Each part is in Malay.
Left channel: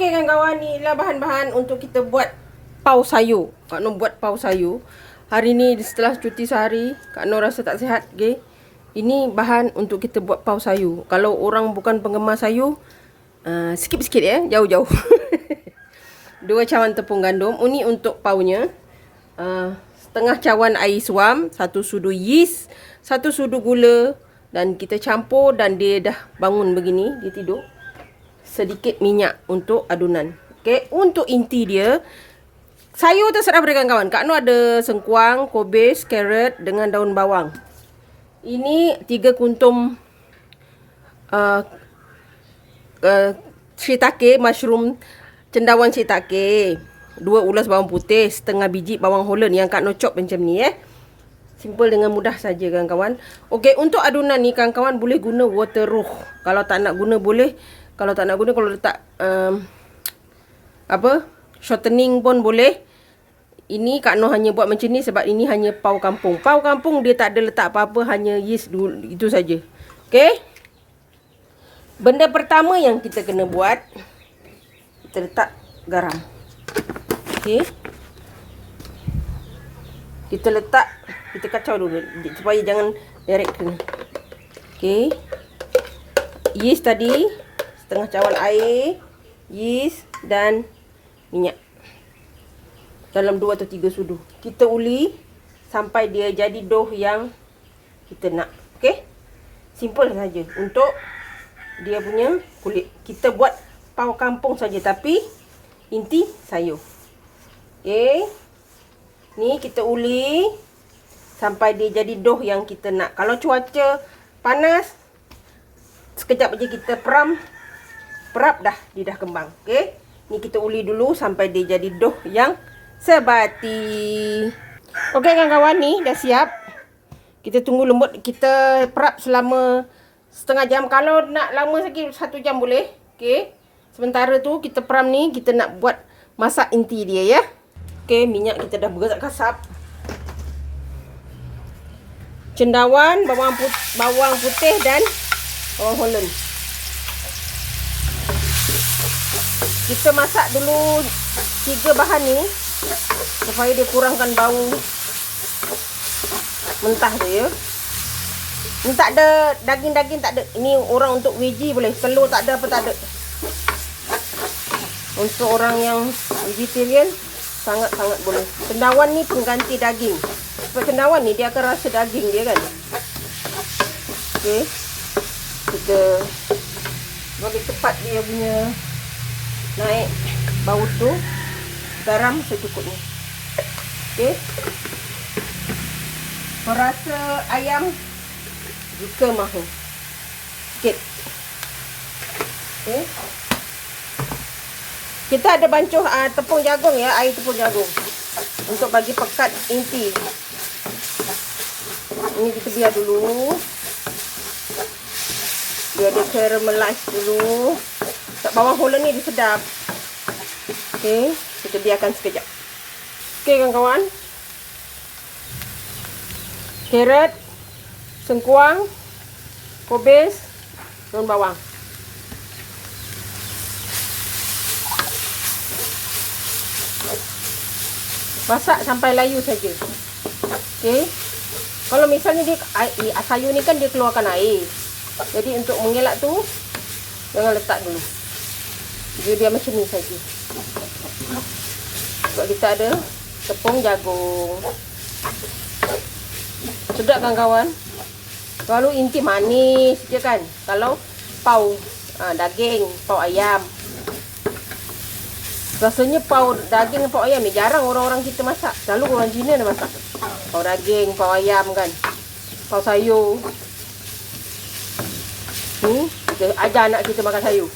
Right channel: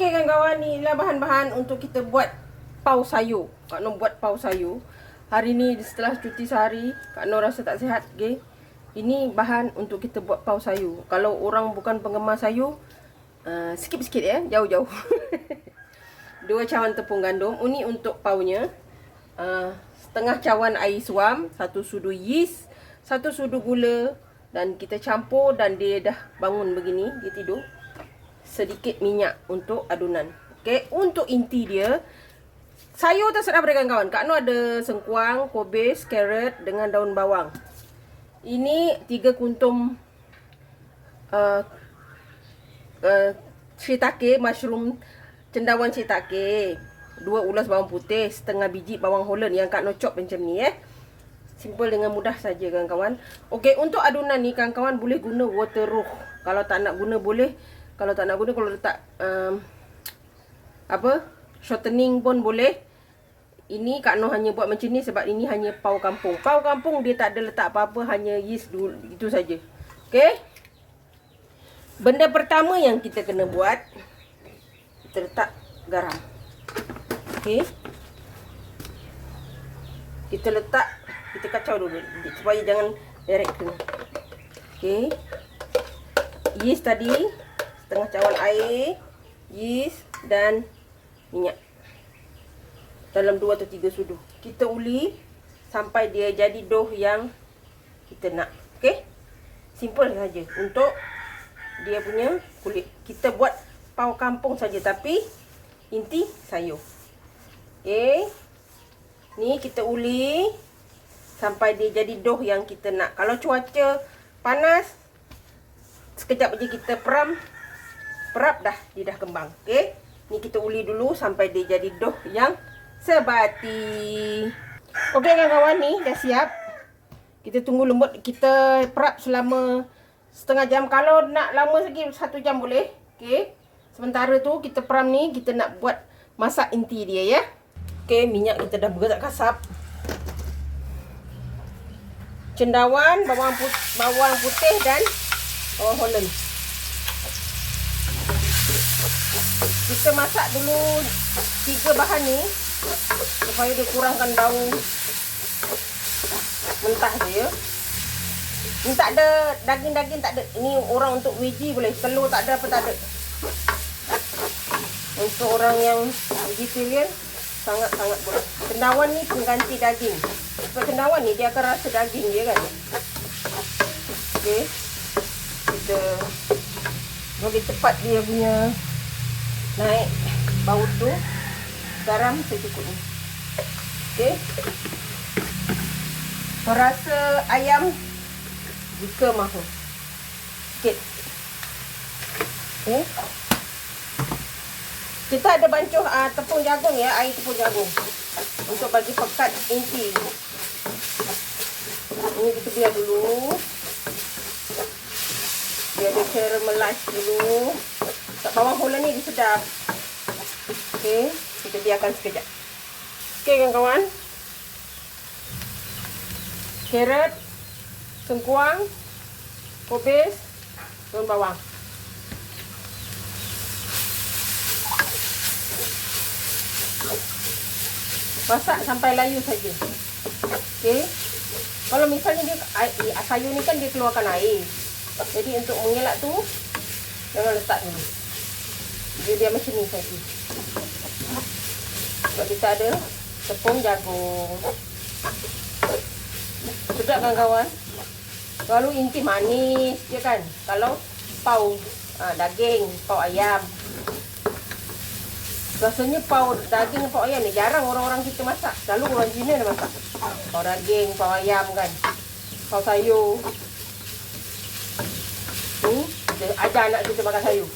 Okey kawan-kawan, ni ialah bahan-bahan untuk kita buat pau sayur. Kak Nur buat pau sayur. Hari ni setelah cuti sehari, Kak Nur rasa tak sihat. Okay? Ini bahan untuk kita buat pau sayur. Kalau orang bukan penggemar sayur, skip sikit ya, jauh-jauh. 2 cawan tepung gandum. Ini untuk paunya. Setengah cawan air suam, 1 sudu yeast, 1 sudu gula, dan kita campur dan dia dah bangun begini, dia tidur. Sedikit minyak untuk adunan. Okey, untuk inti dia, sayur terserah pada kawan-kawan. Kak Nur ada sengkuang, kobis, carrot dengan daun bawang. Ini 3 kuntum shiitake, mushroom, cendawan shiitake. 2 ulas bawang putih, setengah biji bawang holland yang Kak Nur chop macam ni Simple dengan mudah saja kawan-kawan. Okey, untuk adunan ni kawan-kawan boleh guna water roux. Kalau tak nak guna boleh. Kalau tak nak guna, kalau letak shortening pun boleh. Ini Kak Nur hanya buat macam ni sebab ini hanya pau kampung. Pau kampung dia tak ada letak apa-apa, hanya yeast dulu, itu saja. Okey. Benda pertama yang kita kena buat, kita letak garam. Okey. Kita letak, kita kacau dulu supaya jangan direct kena. Okey. Yeast tadi, setengah cawan air, yeast dan minyak. Dalam 2 atau 3 sudu. Kita uli sampai dia jadi dough yang kita nak. Okey? Simple saja untuk dia punya kulit. Kita buat pau kampung saja tapi inti sayur. Okey? Ni kita uli sampai dia jadi dough yang kita nak. Kalau cuaca panas, sekejap aja kita perap dah, dia dah kembang. Okey, ni kita uli dulu sampai dia jadi dough yang sebati. Okey kawan-kawan, ni dah siap. Kita tunggu lembut, kita perap selama setengah jam. Kalau nak lama lagi 1 jam boleh. Okey, sementara tu kita peram ni, kita nak buat masak inti dia ya. Okey, minyak kita dah bergerak kasap. Cendawan, bawang putih dan bawang holland. Kita masak dulu 3 bahan ni supaya dia kurangkan bau mentah tu ya. Ni tak ada daging-daging, tak ada. Ini orang untuk veggie boleh. Telur tak ada, apa tak ada. Untuk orang yang vegetarian sangat-sangat boleh. Cendawan ni pengganti daging. Sebab cendawan ni dia akan rasa daging dia kan. Okey. Kita bagi tepat dia punya naik bau tu. Garam secukupnya. Okey. Perasa ayam jika mahu. Sikit. Okey. Kita ada bancuh tepung jagung ya, air tepung jagung. Untuk bagi pekat inti. Ini kita biar dulu. Biar dia caramelize dulu. Bawang holland ni dia sedap. Okey, kita biarkan sekejap. Okey kawan-kawan. Carrot, sengkuang, kobis, daun bawang. Masak sampai layu saja. Okey. Kalau misalnya dia sayur ni kan dia keluarkan air. Jadi untuk mengelak tu jangan letak dulu. Dia macam ni saja. Sebab kita ada tepung jagung. Sedap kan kawan? Kalau inti manis je kan. Kalau pau daging, pau ayam. Rasanya pau daging dan pau ayam ni jarang orang-orang kita masak. Selalu orang Cina dah masak. Pau daging, pau ayam kan. Pau sayur. Kita ajar anak kita makan sayur.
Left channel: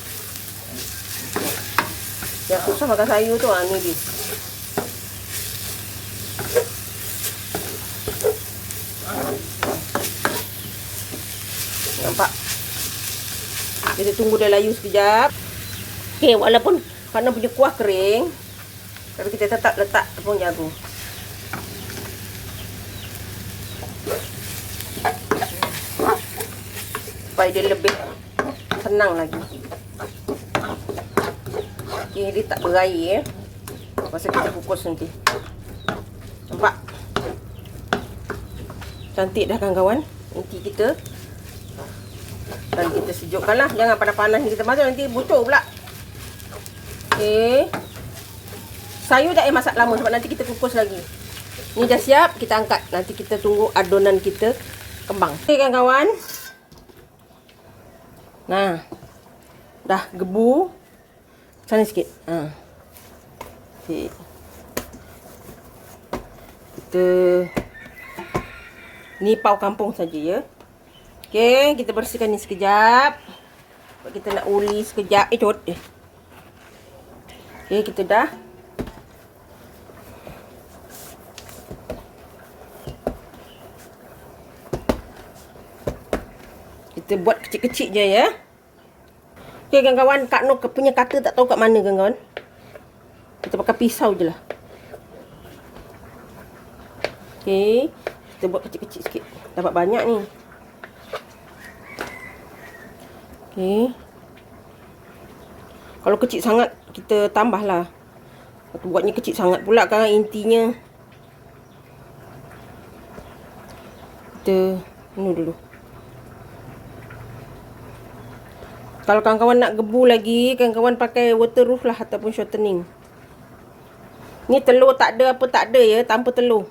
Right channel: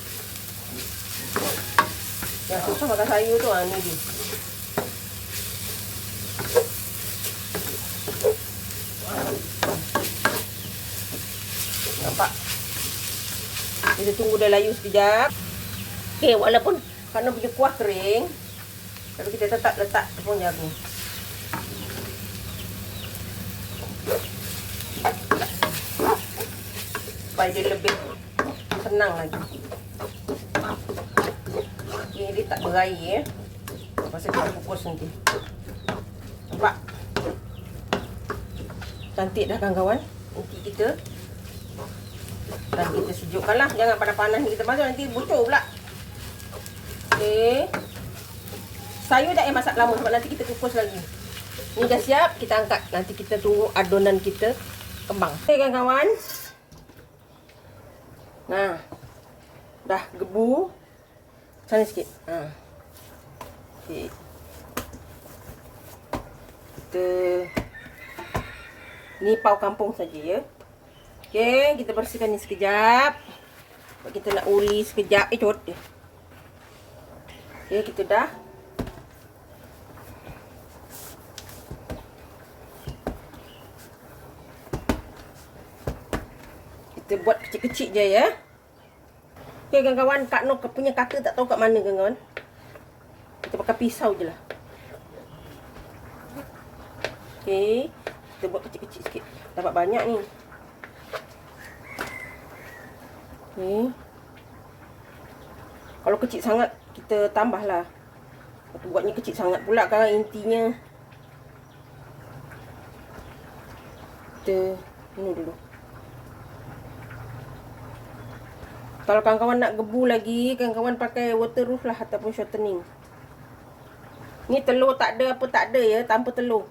Yang susah makan sayur tu ni dia. Nampak? Kita tunggu dia layu sekejap. Okey, walaupun kerana punya kuah kering, tapi kita tetap letak tepung jagung. Supaya dia lebih senang lagi. Okey, dia tak berair masa kita kukus nanti. Nampak? Cantik dah kawan-kawan. Nanti kita dan kita sejukkan lah. Jangan panas-panas kita masuk nanti bucur pula. Okey. Sayur tak payah masak lama sebab nanti kita kukus lagi. Ni dah siap, kita angkat. Nanti kita tunggu adonan kita kembang. Okey kawan-kawan. Nah. Dah gebu. Sana sikit. Okey. Kita ni pau kampung saja ya. Okey, kita bersihkan ni sekejap. Kita nak uli sekejap. Cot. Okey, kita dah. Kita buat kecil-kecil je ya. Okey kawan-kawan, Kak Noh punya kata tak tahu kat mana kawan-kawan. Kita pakai pisau je lah. Okey, kita buat kecil-kecil sikit. Dapat banyak ni. Okey. Kalau kecil sangat kita tambahlah. Aku buatnya kecil sangat pula kan intinya. Kita ini dulu. Kalau kawan-kawan nak gebu lagi, kawan-kawan pakai waterproof lah ataupun shortening. Ni telur tak ada apa tak ada ya, tanpa telur.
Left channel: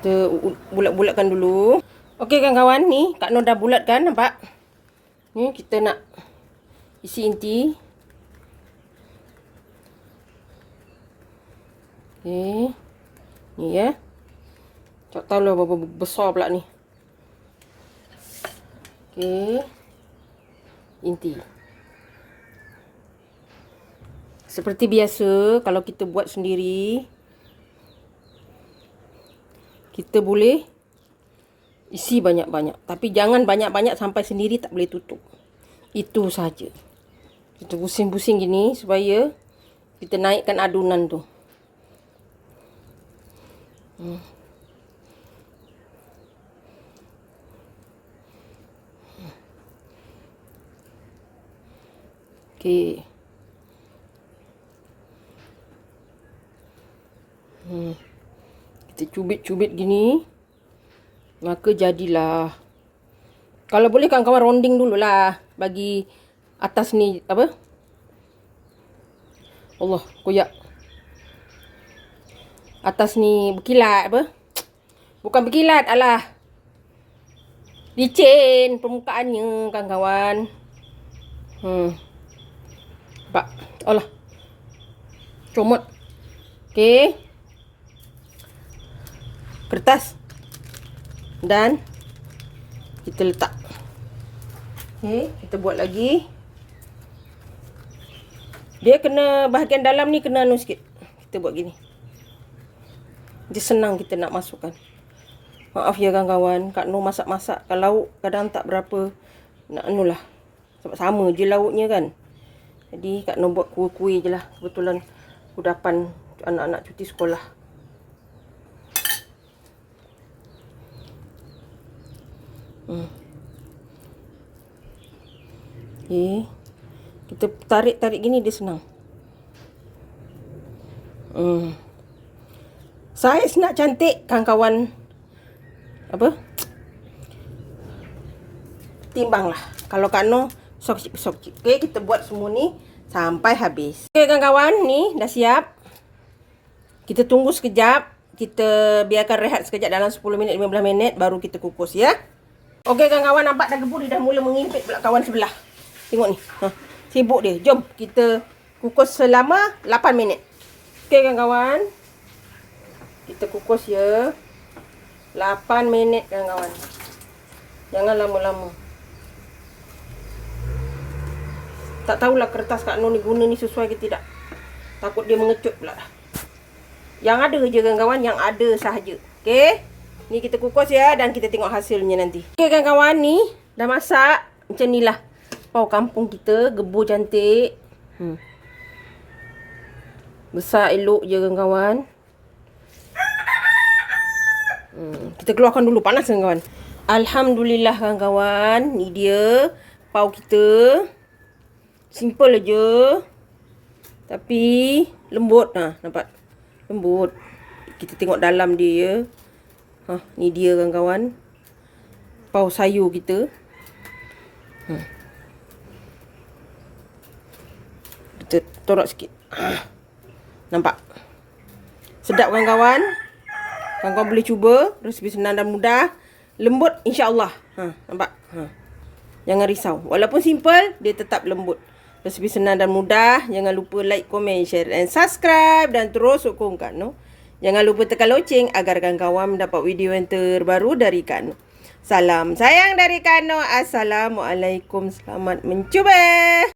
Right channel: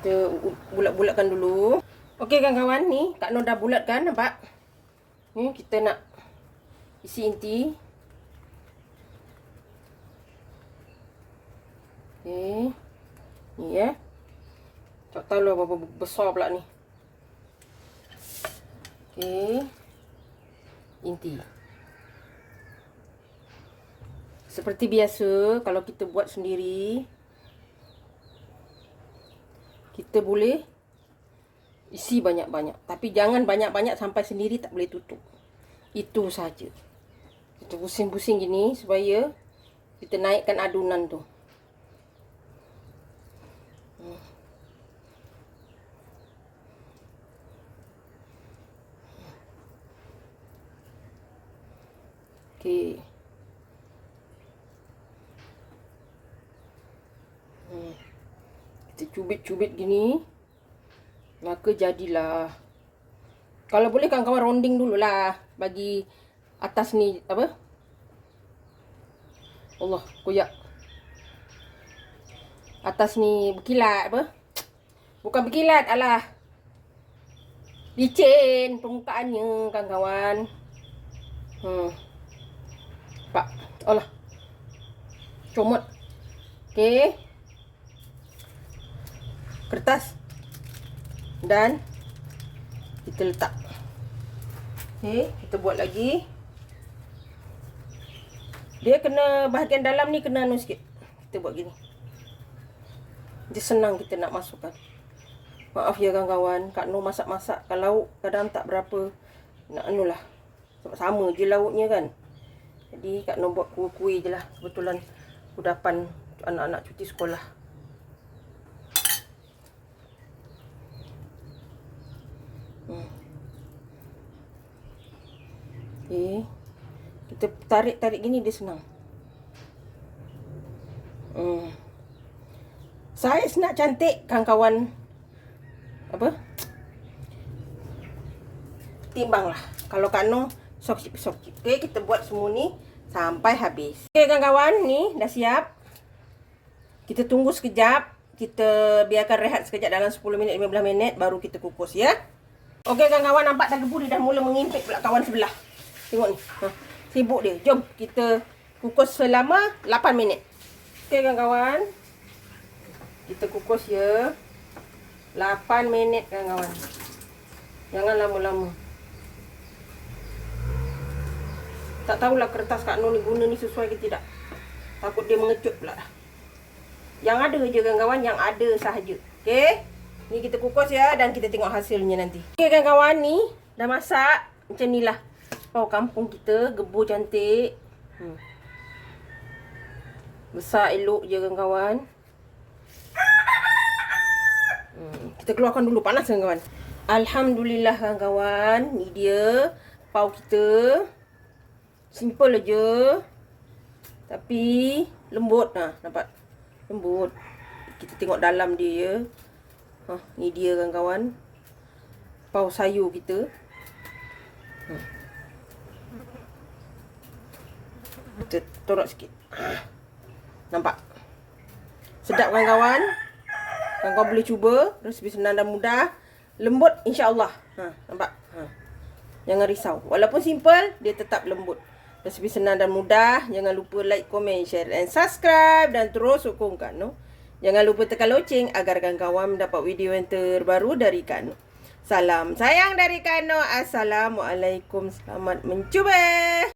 Kita bulat-bulatkan dulu. Okey kawan-kawan, ni Kak Noh dah bulatkan, nampak? Ni kita nak isi inti. Okey. Ni ya. Tak tahu lah berapa besar pula ni. Okey. Inti. Seperti biasa, kalau kita buat sendiri, kita boleh isi banyak-banyak. Tapi jangan banyak-banyak sampai sendiri tak boleh tutup. Itu saja. Kita pusing-pusing gini supaya kita naikkan adunan tu. Okey. Kita cubit-cubit gini. Maka jadilah. Kalau boleh kawan-kawan ronding dululah. Bagi atas ni apa? Allah, koyak. Atas ni berkilat apa? Bukan berkilat, alah. Licin permukaannya kawan-kawan. Nampak? Alah. Comot. Okey. Kertas. Dan kita letak. Okey, kita buat lagi. Dia kena bahagian dalam ni kena anu sikit. Kita buat gini. Dia senang kita nak masukkan. Maaf ya kawan-kawan, Kak Noh masak-masak kalau kadang tak berapa nak anulah. Sebab sama je lauknya kan. Jadi Kak Noh buat kuih-kuih je lah. Kebetulan kudapan anak-anak cuti sekolah. Okay. Kita tarik-tarik gini dia senang. Saiz nak cantik kawan-kawan. Apa? Timbanglah. Kalau Kak Noh sok kecil. Okay, kita buat semua ni sampai habis. Okay kawan-kawan, ni dah siap. Kita tunggu sekejap. Kita biarkan rehat sekejap dalam 10 minit 15 minit baru kita kukus ya. Okey kawan-kawan, nampak dah gebu dia dah mula mengimpit pula kawan sebelah. Tengok ni. Sibuk dia. Jom kita kukus selama 8 minit. Okey kawan-kawan. Kita kukus ya. 8 minit kawan-kawan. Jangan lama-lama. Tak tahulah kertas Kak Noh ni guna ni sesuai ke tidak. Takut dia mengecut pula. Yang ada je kawan-kawan, yang ada sahaja. Okey. Ni kita kukus ya dan kita tengok hasilnya nanti. Okey kawan-kawan, ni dah masak. Macam ni lah. Pau kampung kita gebu cantik. Besar elok je kawan-kawan. Kita keluarkan dulu, panas kawan-kawan. Alhamdulillah kawan-kawan, ni dia pau kita. Simple aja. Tapi lembut. Nampak? Lembut. Kita tengok dalam dia ya. Ni dia kawan-kawan. Pau sayur kita. Kita torak sikit. Nampak? Sedap kawan-kawan. Kawan-kawan boleh cuba. Resipi senang dan mudah. Lembut insya-Allah. Nampak? Jangan risau. Walaupun simple, dia tetap lembut. Resipi senang dan mudah. Jangan lupa like, komen, share dan subscribe. Dan terus sokongkan. Jangan lupa tekan loceng agar kawan-kawan mendapat video yang terbaru dari Kak Noh. Salam sayang dari Kak Noh. Assalamualaikum. Selamat mencuba.